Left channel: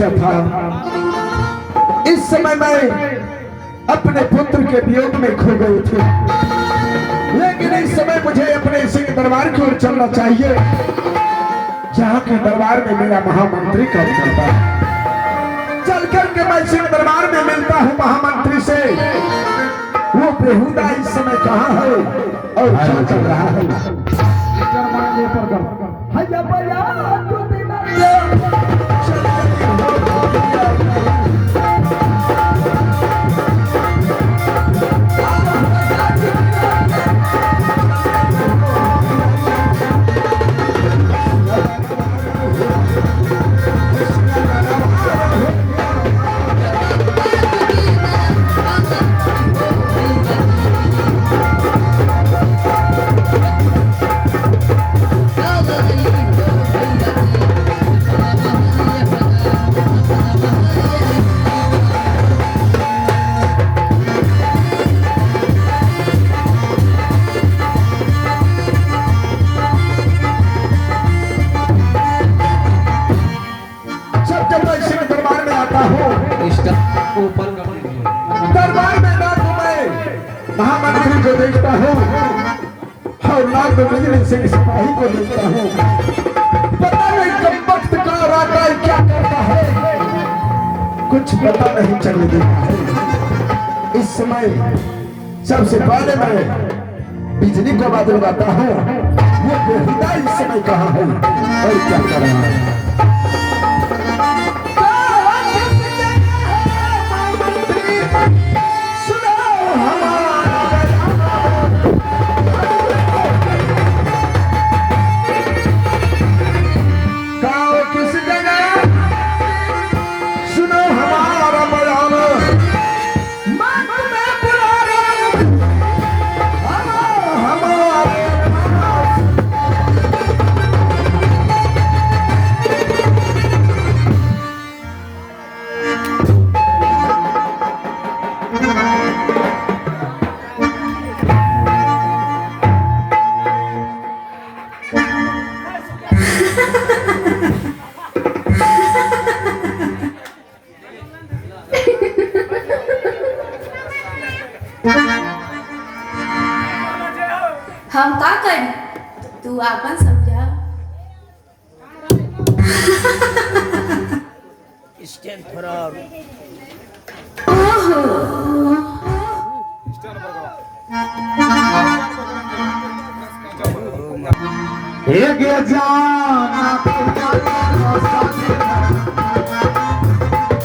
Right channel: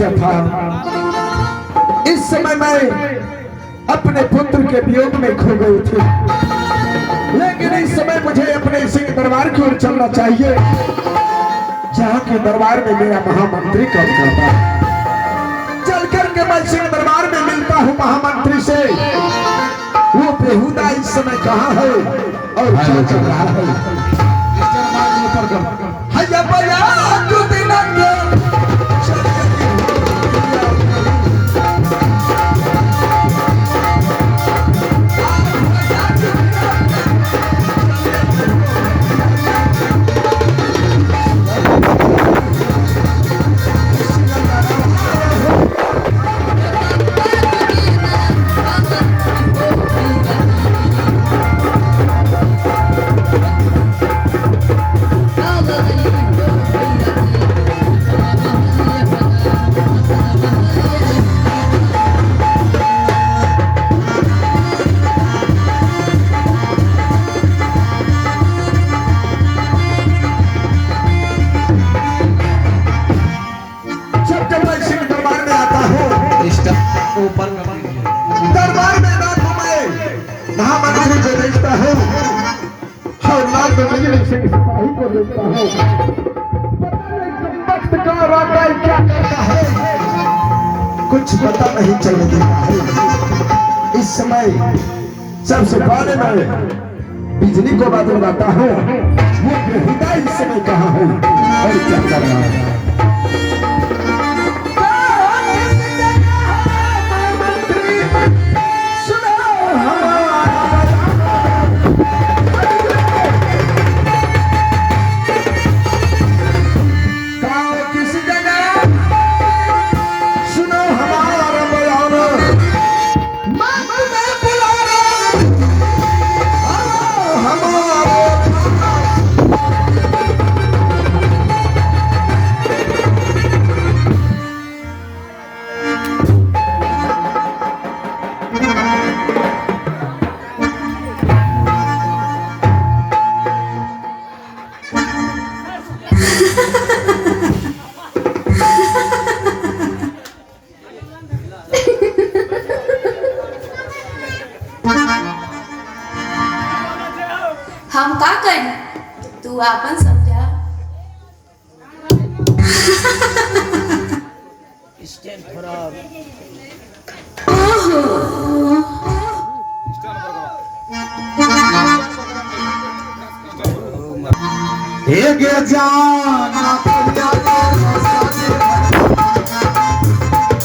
बच्चा था। इस समय मैं अपने पुत्र के वियोग में खो गई थी, लेकिन इस समय मुझे अपने सिंह दरबार की ओर चलना चाहिए, जहाँ के दरबार में मेरा महामंत्री कब जाता है। चल करके मैं सिंह दरबार में मिलता हूँ महामंत्री से। वो बेहुदा इस समय कहाँ है और क्या चल रहा है। दरबार में महामंत्री को देखता हूँ और लाल सिंह सिपाही को देखता हूँ। पता नहीं कब वक्त का राजा क्या करता है, कुछ पता नहीं चलने देता है। इस समय सबसे पहले मैं बिजली को बात लगाता हूँ, वो बेहुदा इस समय कहाँ है और क्या कर रहा है। हम का करी तू आपन समझा। स्टैंड खराब एक जाना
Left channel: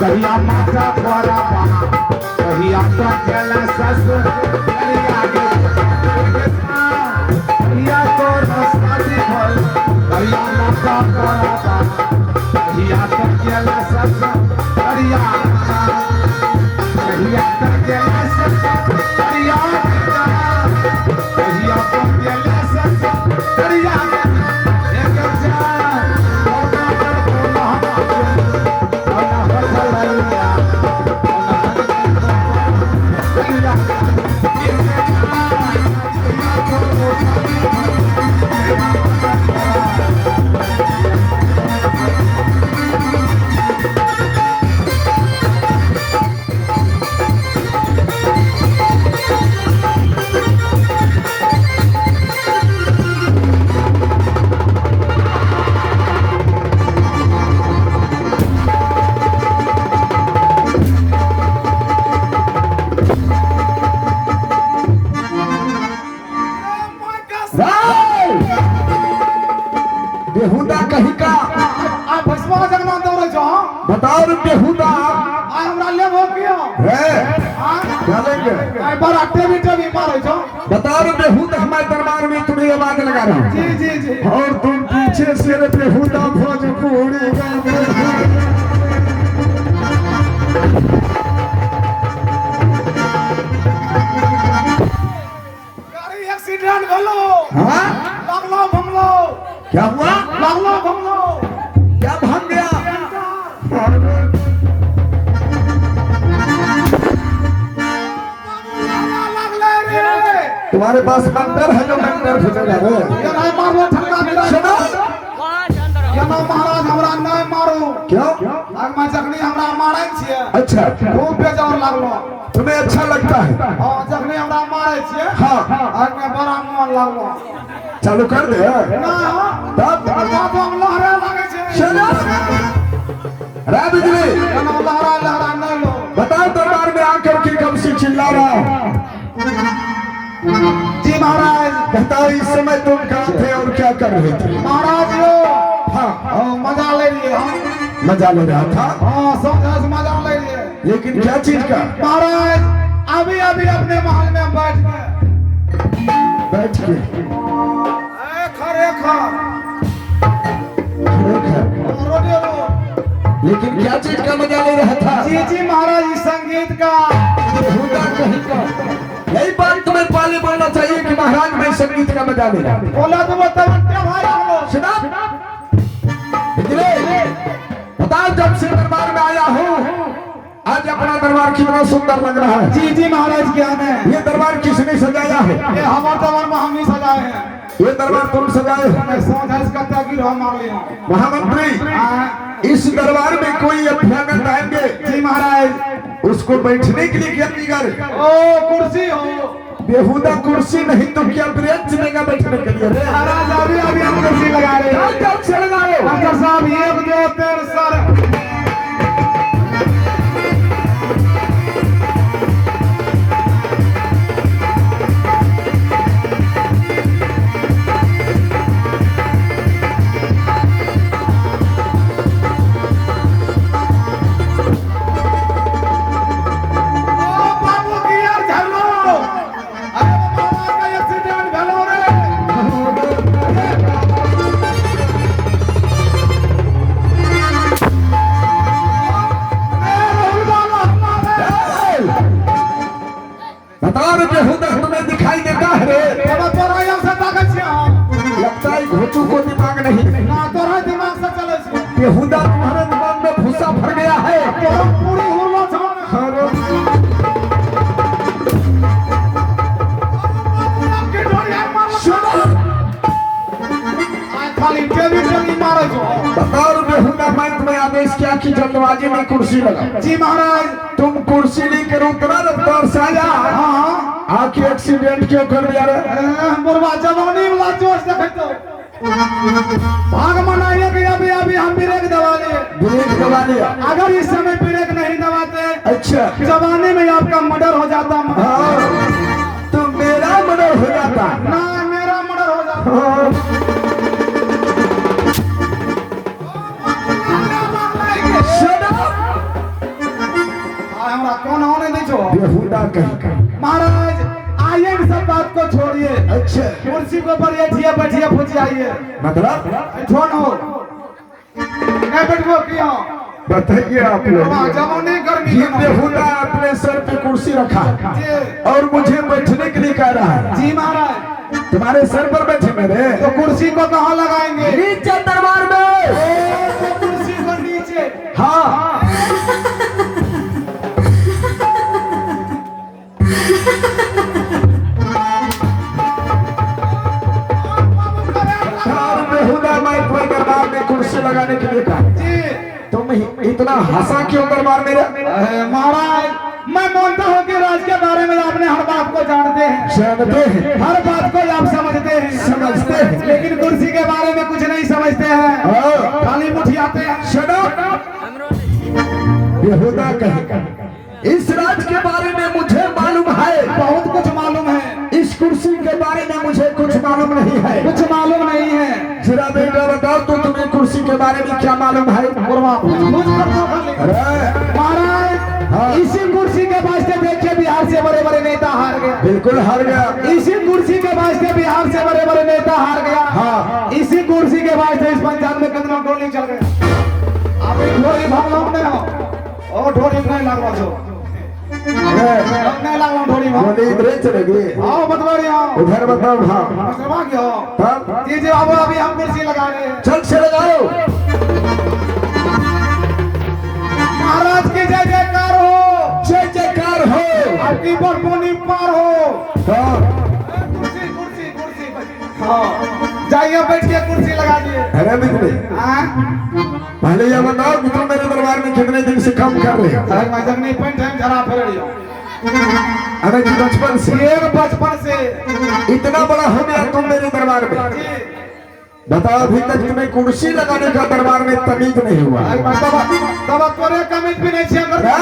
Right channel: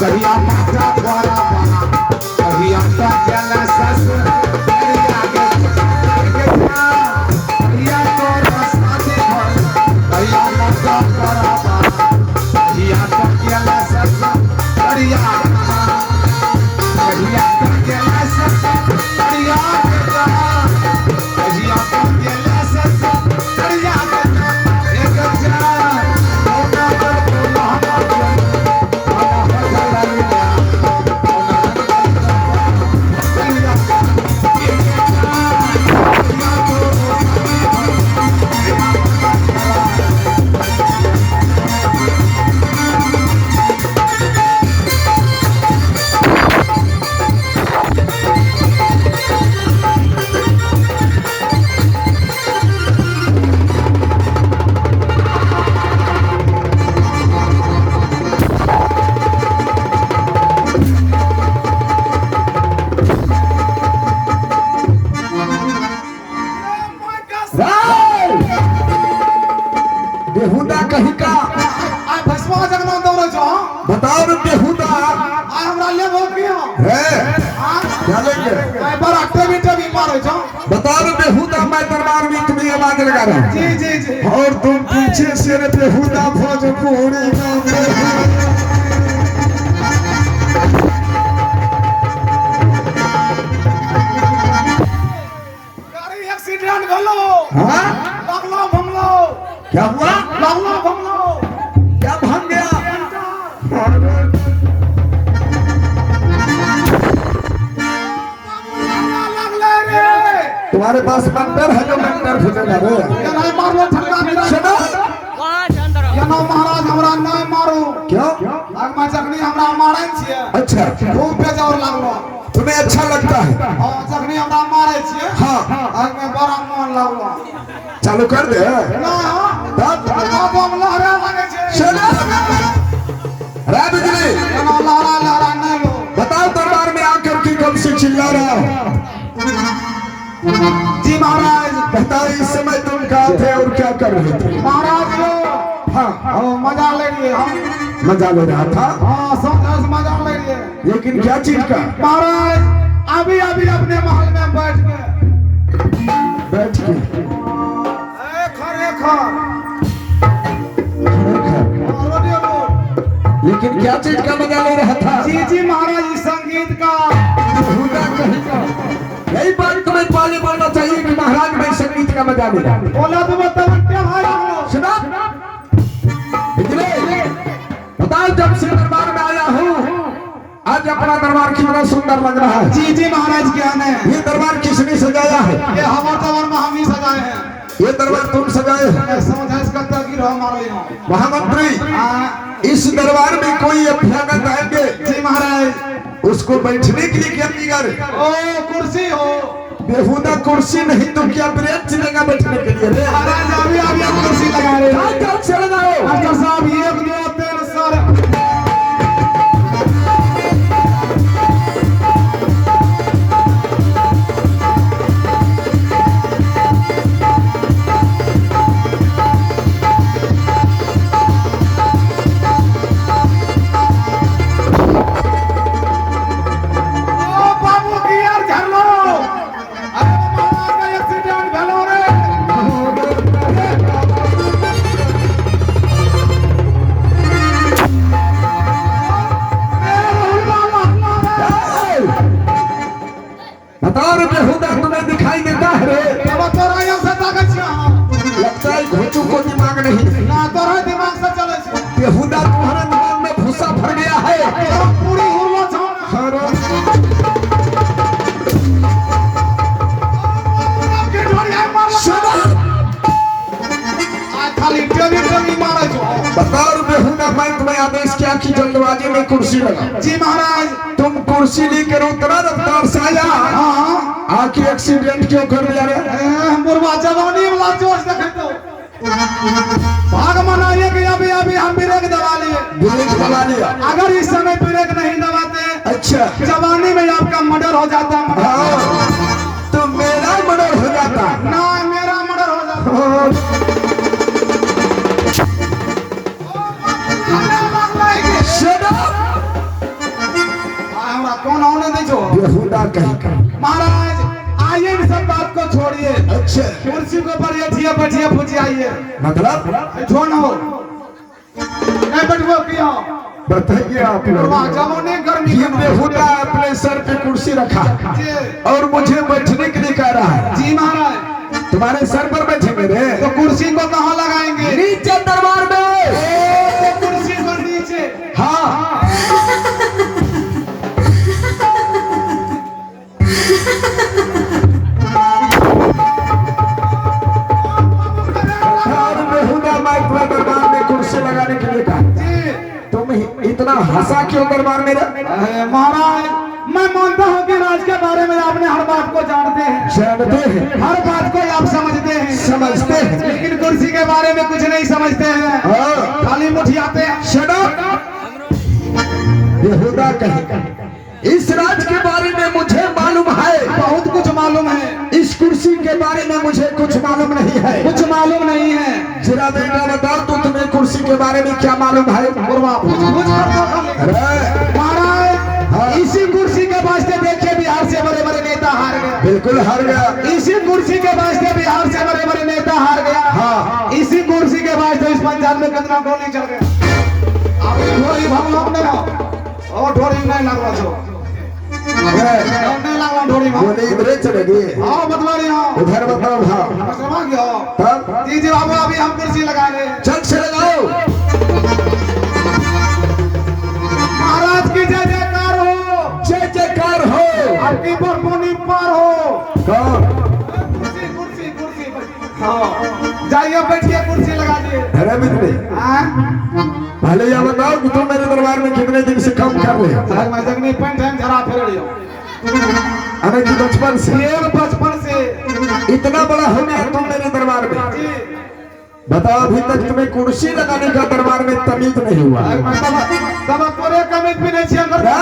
कहिया माता द्वारा कहिया का जला सस बेहुदा कहीं का आप भस्मा जगना दौड़ो जो बताओ रे बेहुदा आ हमरा ले हो गया है हां चलेंगे आई पर एक्टिविटी भी मारो जो बताओ रे बेहुदा हमारे दरबार में तुम्हें आवाज लगा रहा हूं। जी जी जी और तुम पीछे से रे बेहुदा भोजपुरी गाड़ी एक्सीडेंट भलो हां लगलो भमलो क्या हुआ लगलो भमलो क्या भाग गया तुम्हारे पास मंत्र है जो मंत्र फुटेगा रे ये नहीं मारो ठंडा मेरा सुनो ये ना महाराज हमरा नहीं मारो क्यों आग में जखनी हमरा मारै छियै अच्छा खूब बेजोर लागलो तुम्हें अच्छा लगता है हां जखनी हमरा मारै छियै हाँ आग में बड़ा मन लागलो चालू कर दे ना तब बादम लहरा लागे छै चलो रात बिजली एना लहरा लहरा नहीं लो बताओ दरबार में आकर के कब से चिल्ला रहा हूँ जी महाराज बताओ इस समय तुम कहाँ थे और क्या कर रहे थे महाराज यो हाँ हां मजा ले लिए हम मजा ले रहा था हां समझ मजा ले लिए लेकिन क्या चीज का महाराज अभी अभी अपने महल में बैठ के बैठ के ए खरे खर रोडियो रोड लेकिन क्या चीज का मजा ले रहा था जी जी महाराज इस संगीत का बेहुदा कहीं का यही बात तुम्हें पहले बोलना चाहिए कि महाराज मैं संगीत का मजा ले रहा बोला तो बताओ क्या भाई हम लोग सुना बिजली बताओ जब से दरबार में आया हूँ आज अपना दरबार कितना सुंदर लग रहा है जी जी महाराज क्या है ये दरबार किसने सजाया है ये हमारे दरबार में हम ही सजाए हैं ये दरबार तुम सजाए हो मैं समझ का तक गिरो हमारे यहाँ महामंत्री हाँ, इस दरबार में कोई अभ्यागत आएंगे जी महाराज उसको बैठने के लिए क्या बिगाड़ ओ कुर्सी हो बेहुदा कुर्सी नहीं तो क्या ब्रेंच लेगा बैठने के लिए रे महाराज अभी अभी हम कुर्सी लगा रहे हैं क्या चल रहा है डॉक्टर साहब ये दो तीन सर ओ बाबू की यार झरलो अरे महाराज का एक्सीडेंट भेलो रे बताओ रे बेहुदा तुम्हें दिखाई देता है रे लगता है घोचू को दिमाग नहीं बेहुदा तुम्हारे दिमाग में भूसा भर गया है अरे बताओ रे बेहुदा मैं तुम्हें आदेश किया कि जल्दबाजी में कुर्सी लगा जी महाराज तुम कुर्सी लेकर उतरा रफ्तार से आया हाँ आके एक्सीडेंट क्यों कर दिया रे मुर्गा जवानी वाला जोश देखे तो भाग मनाइए कि अभी अभी हम ब्रेक दबा लिए ब्रेक दबा दिया अगर इस समय ब्रेक नहीं दबाते अच्छा जवानी में आपका मर्डर हो जाता हाँ, तो मेरा मर्डर हो जाता ना मेरा मर्डर हो जाता Shut up! हमरा कौन होने नहीं छो बेहुदा कहीं का महाराज आइए इन सब बात को छोड़िए अच्छा कुर्सी को बैठिए बैठिए पूछिए आइए मतलब जोन हो नहीं बैठो क्यों बताइए आप लोग जमुने गर्मी ये बेहुदा अपने सर पे कुर्सी रखा जी और मुझे बैठने के लिए कह रहा है जी महाराज तुम्हारे सर पर बैठेंगे रे तो कुर्सी को कहाँ लगाएंगे नीचे दरबार में ओ, कुर्सी को नीचे हाँ और बेहुदा मैं तुम्हें दरबार में कुर्सी लगाने के लिए कहा जी तुम इतना हंसा क्यों दरबार में महाराज मैं मानता हूँ कि राज के बारे में आपने हर बात को जानते हैं जानते हैं हर बात को आप समझते हैं समझते हैं लेकिन कुर्सी के बारे में कुछ नहीं समझते हैं हाँ। खाली मुठियाते हैं Shut up! बेहुदा कहे इस राज के बारे में मुझे मालूम है बहुत कुछ मालूम है इस कुर्सी के बारे में मुझे कुछ मालूम नहीं है कुछ मालूम नहीं है जरा बेटा बताओ तो तुम्हें कुर्सी के बारे में क्या मालूम है पूछ कर दो खाली। अरे महाराज इसी कुर्सी के वास्ते देखिए बिहार से बड़े बड़े नेता हार गए बिल्कुल हार गया इसी कुर्सी के वास्ते बिहार से बड़े बड़े नेता हार गया हाँ इसी कुर्सी के वास्ते इस पंचायत में कितना गोली चल गया अब ढोली भाव हमने और ढोली नहीं लगवा छो नहीं लगवा ढोली भाव बोले इधर चलेगी आओ बतवा रहे हो उधर बताओ हाँ समझ गए हो हाँ? जी जी अब अभी हम कुर्सी लगा रहे हैं चल से लगाओ महाराज की जय जयकार हो जय जयकार हो आपकी बरमुनी पार हो कौन कुर्सी कुर्सी कुर्सी हाँ जाइए बैठिए कुर्सी लगा दिए अरे मित्र हाँ पहले ये बताओ कि तुम मेरे दरबार में रहे अरे मैं जगनी पन टाइम जरा फिर लियो अरे जी बचपन से ये बचपन से इतना बड़ा हो गया तुम मेरे दरबार में जी बताओ अभी तक तुम्हें कुर्सी लगाने का दरबार में तमीज नहीं हुआ अरे तब तोरे कमिट भी नहीं छिया कर रे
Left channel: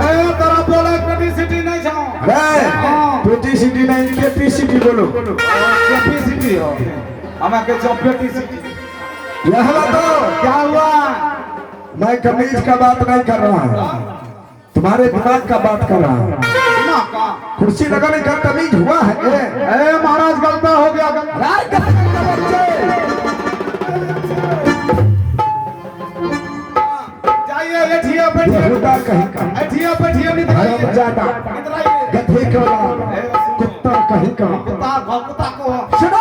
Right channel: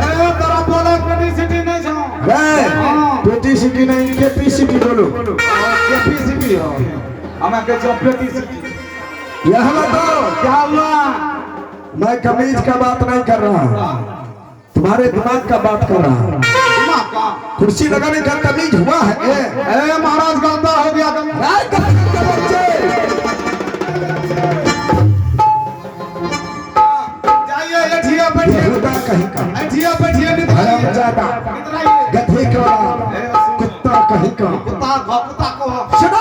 अरे तेरा बोला कोटी सिटी नहीं छनो रे पेटी सिटी नहीं केपी सिटी बोलो केपी सिटी हो हमें के जो पेटी सिटी यह बताओ क्या हुआ मैं कमीज का बात नहीं कर रहा हूँ तुम्हारे दिमाग का बात कर रहा हूँ दिमाग का कुर्सी लगाने का कमीज हुआ है अरे महाराज गलता हो गया राय का बच्चे जाइए ये ठिया पे यहूदा कहीं का ठिया पे ठिया नहीं हराम जादा गधे का कुत्ता कहीं का कुत्ता कुत्ता को सुनो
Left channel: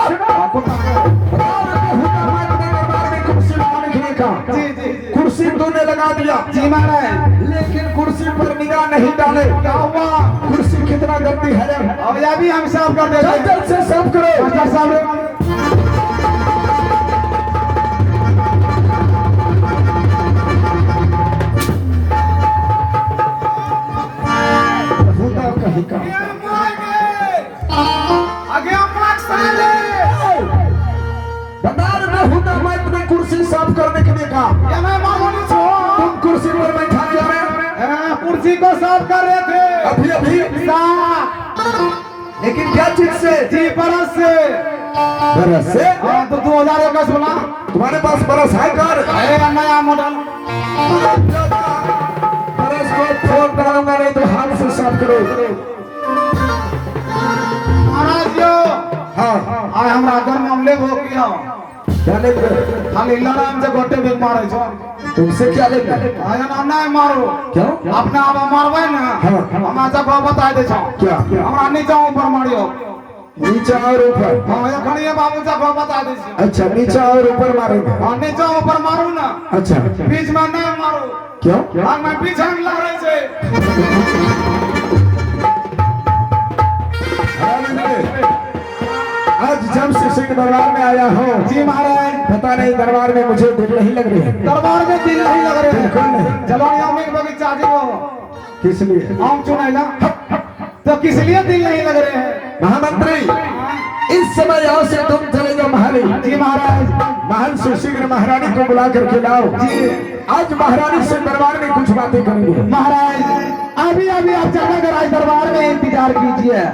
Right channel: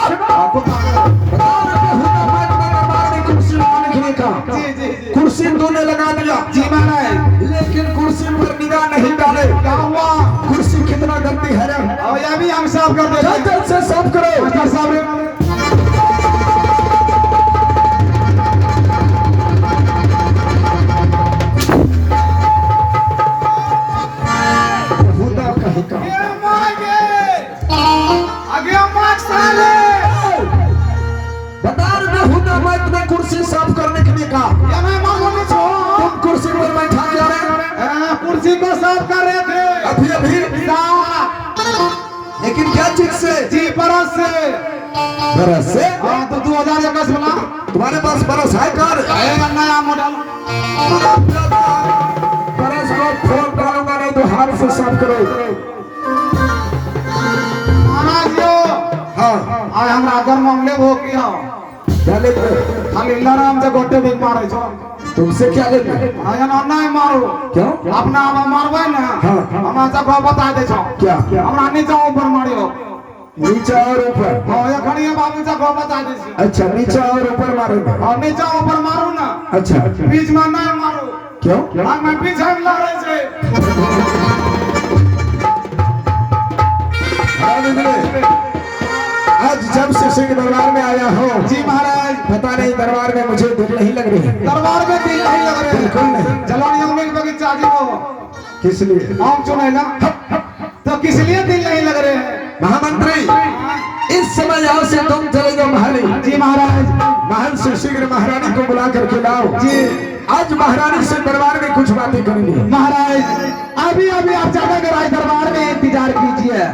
कुर्सी लगाने का जी जी कुर्सी तूने लगा दिया जी महाराज लेकिन कुर्सी पर निगाह नहीं डाले क्या हुआ कुर्सी कितना गंदी है और ये भी हम साफ कर देते हैं जल्द से साफ करो अच्छा साहब यहूदा कहीं का बता यहूदा मैं तुम्हें कुर्सी साफ करने के लिए कहा तुम कुर्सी पर बैठा जा रहे कुर्सी को साफ कर रहे थे अभी अभी लेकिन क्या चीज से जी परस से बरस से हाँ तो 2021 बना तुम्हारे पास बरस है कार नया मॉडल बरस को फोन डालूंगा नहीं तो हाथ से साफ करो महाराज जो हाँ आज हमरा घर मामले वो किया क्या ले खाली लड़ाम से गोटे भी मारे छो तुमसे क्या लेना आया ना नहीं मारो क्यों अपना आप मारवे ना हाँ। हम ऐसा को बता दे छो क्या हमरा नीचे ऊपर मारियो नीचा और ऊपर हाँ ये खड़िए बाबू से को बता दे छो अच्छा नीचा और ऊपर मारेंगे और नीचे ऊपर मारू ना अच्छा बीच में नहीं मारो क्यों हाँ मैं पीछे लड़ रहे से आज जब से सिंह दरबार में आया हो जी महाराज पता नहीं दरबार में मुझे दिल नहीं लग रही है दरबार में दिल नहीं लग रहे बिल्कुल नहीं जलोनिया में एक बगीचा जी वो किस लिए आम चुनाई ना तो किस लिए दिल नहीं लग रहे हैं महामंत्री इस समय यहाँ से तुम चलेंगे महली जी महाराज महल से शीघ्र महारानी को बुला करके लाओ जी आज महारानी से दरबार में कुछ बातें करेंगे महाराज अभी अभी आप जाकर राज दरबार में इंतजार कीजिए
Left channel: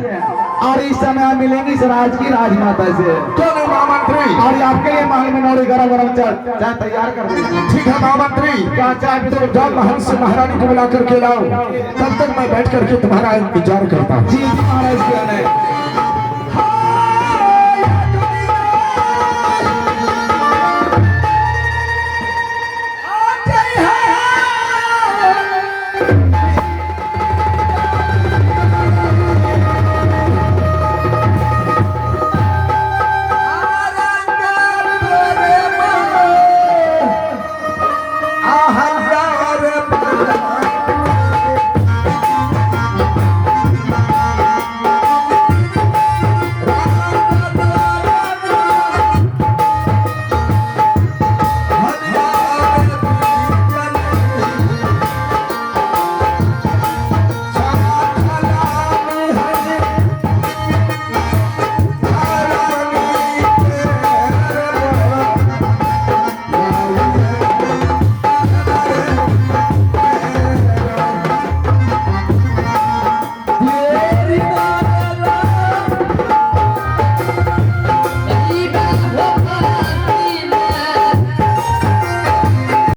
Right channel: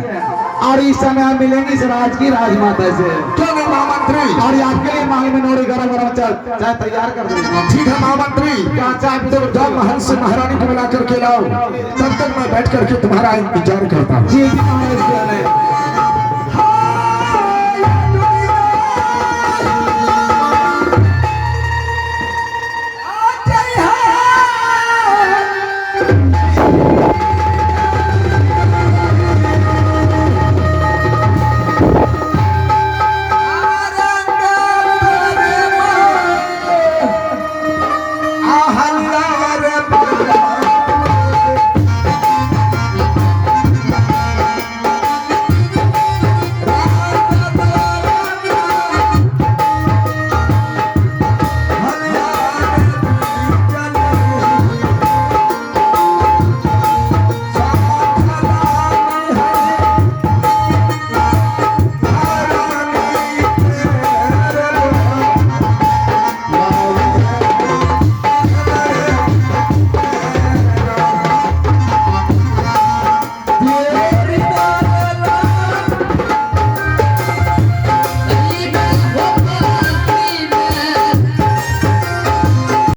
और इस समय मिलेंगे इस राज की राजमाता से क्या नहीं महामंत्री और आपके लिए महल में नौरी गरम गरम चाय तैयार कर देंगे ठीक है महामंत्री क्या चाय पी तो जाओ महल से महारानी को बुला करके लाओ तब तक मैं बैठ करके तुम्हारा इंतजार करता हूँ जी महाराज क्या है